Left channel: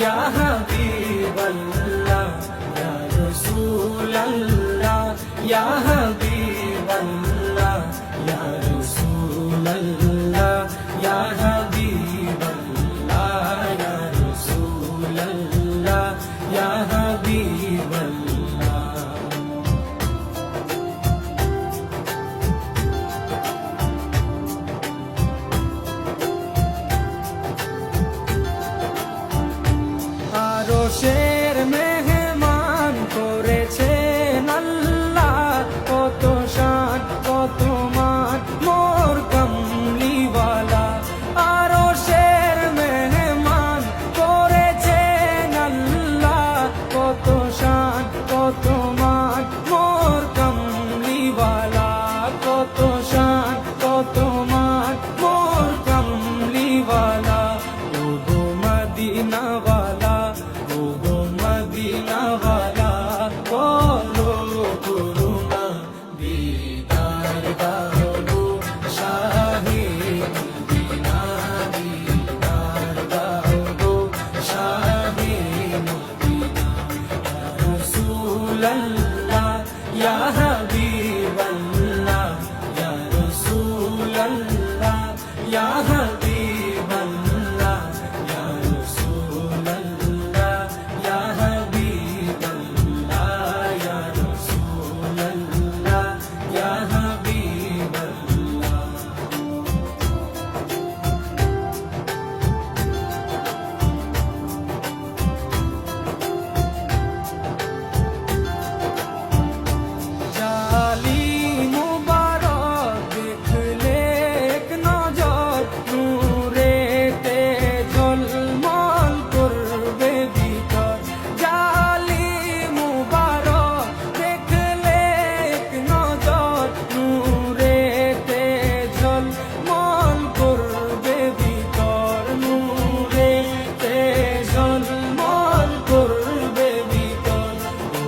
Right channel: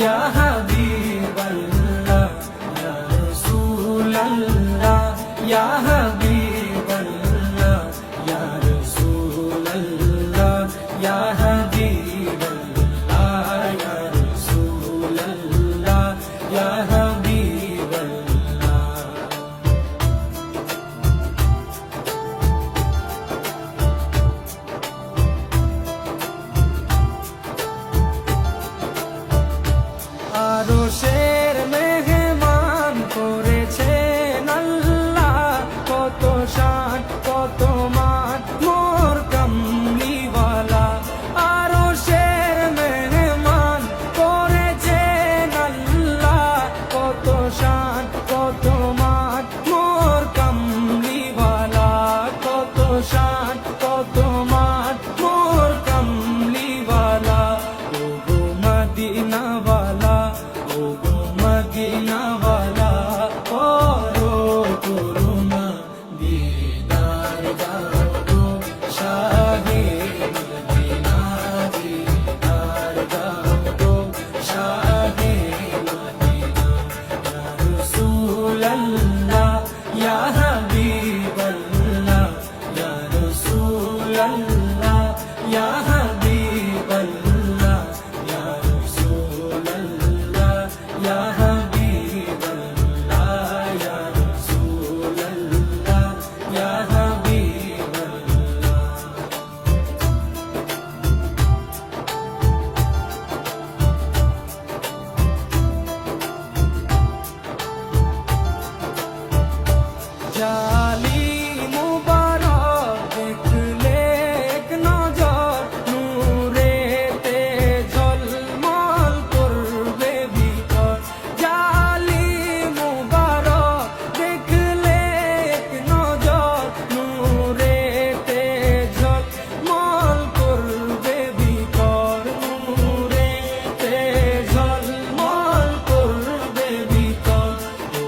ইয়া হাবিবাল্লাহ ইয়া রাসূলাল্লাহ ইয়া হাবিবাল্লাহ ইয়া রাসূলাল্লাহ ইয়া হাবিবাল্লাহ ইয়া রাসূলাল্লাহ ইয়া হাবিবাল্লাহ। আরশের মেহমান করেছেন আল্লাহ, কত শান কত মান মোর কামলিওয়ালা। আরশের মেহমান করেছেন আল্লাহ, কত শান কত মান মোর কামলিওয়ালা, কত শান কত মান মোর কামলিওয়ালা। ও গো মদিনাওয়ালা, ও গো মদিনাওয়ালা, করো করুণা দিদার দাও গো শাহে মদিনা, দিদার দাও গো শাহে মদিনা। ইয়া রাসূলাল্লাহ ইয়া হাবিবাল্লাহ ইয়া রাসূলাল্লাহ ইয়া হাবিবাল্লাহ ইয়া রাসূলাল্লাহ ইয়া হাবিবাল্লাহ ইয়া রাসূলাল্লাহ ইয়া হাবিবাল্লাহ। জালি মুবারক দেখলে এক নজর, নূরেতে ঝলমল করবে ভিতর। জালি মুবারক দেখলে এক নজর, নূরেতে ঝলমল করবে ভিতর, নূরেতে ঝলমল করবে ভিতর। ও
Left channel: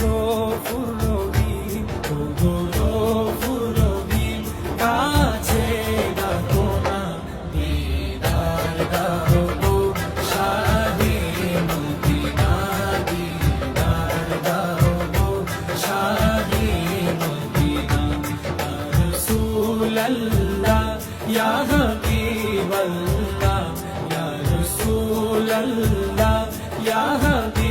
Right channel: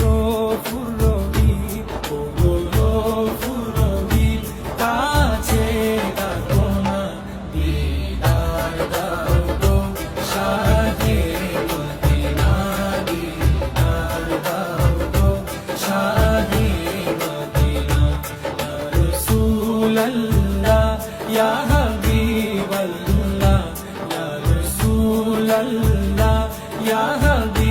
গো ফুরবি, ও গো ফুরবি, কাছে ডাকো না দিদার দাও গো শাহে মদিনা, দিদার দাও গো শাহে মদিনা। ইয়া রাসূলাল্লাহ ইয়া হাবিবাল্লাহ ইয়া রাসূলাল্লাহ ইয়া হাবিবাল্লাহ।